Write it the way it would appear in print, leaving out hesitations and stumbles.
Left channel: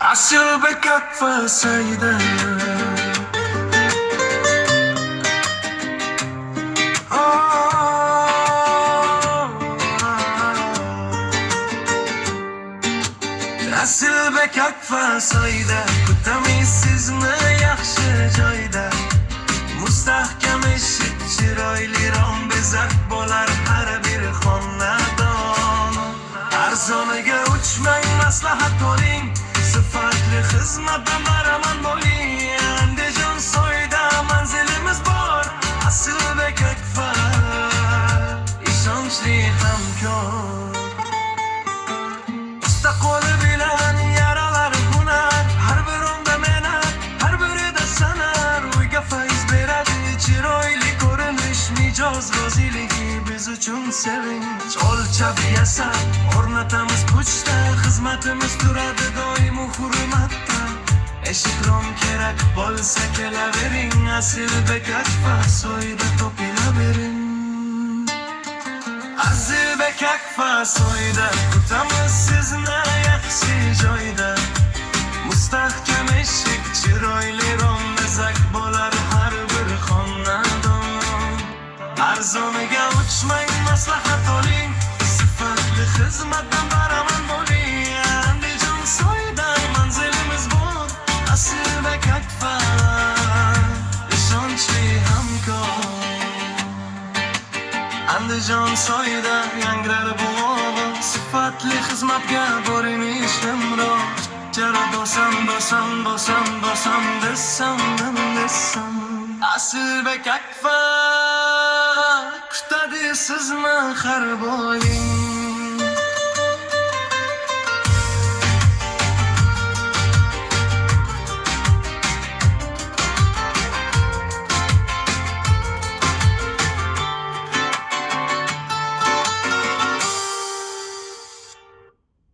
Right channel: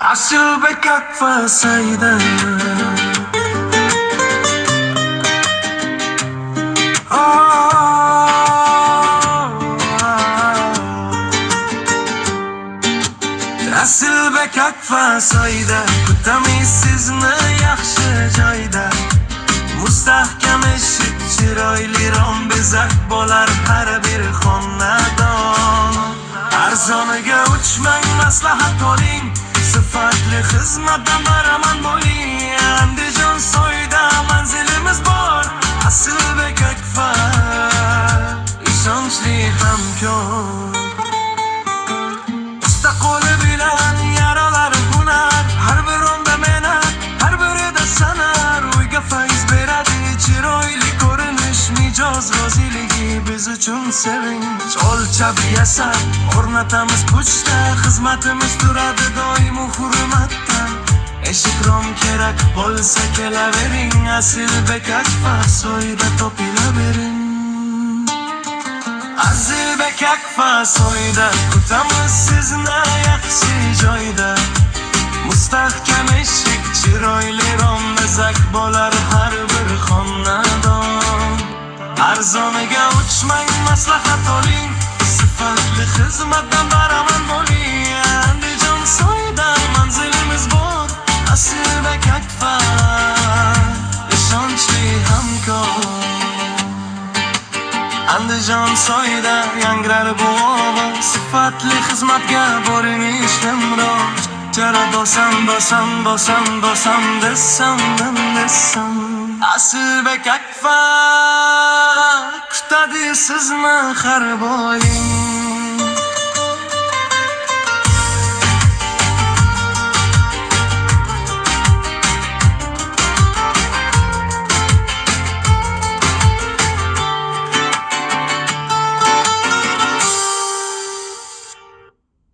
Asıl bekak fasayda. Asıl bekak fasayda. Kutamiz sizni yaxshi joyda. Mustahkam eshik chiroyli rom bezak bo'lar har bir xonadon. Arzoniga uchmang, maslahat oling, sifatli xizmatdan baraman bo'ling. Andijon soyda manzilimiz bor, asl bekak fa, ishonchli hamkor. Usta qo'li bilan yaralar hunar, har bir onda mehnat, har birida sanar. Uyga fayz beradi chiroyli ko'rinish, mijoz roziligi biz uchun sevinch. O'lchab yasab o'rnatamiz puchta, xizmatimiz turadi doim hurmatda. Eshik rom kerak bo'lsa kelavering, asl bekak fasoyda topilavering. Asl bekak fasoyda kutamiz sizni yaxshi joyda. Mustahkam eshik chiroyli rom bezak bo'lar har bir xonadon. Arzoniga uchmang, maslahat oling, sifatli xizmatdan baraman bo'ling. Andijon soyda manzilimiz bor, asl bekak fa, ishonchli hamkor. Andijon soyda yangrar bu ovoz, sifatli xizmatga borinish nimroz. Jara bosam desam. Asl bekak fa, kutadi sizni har doim.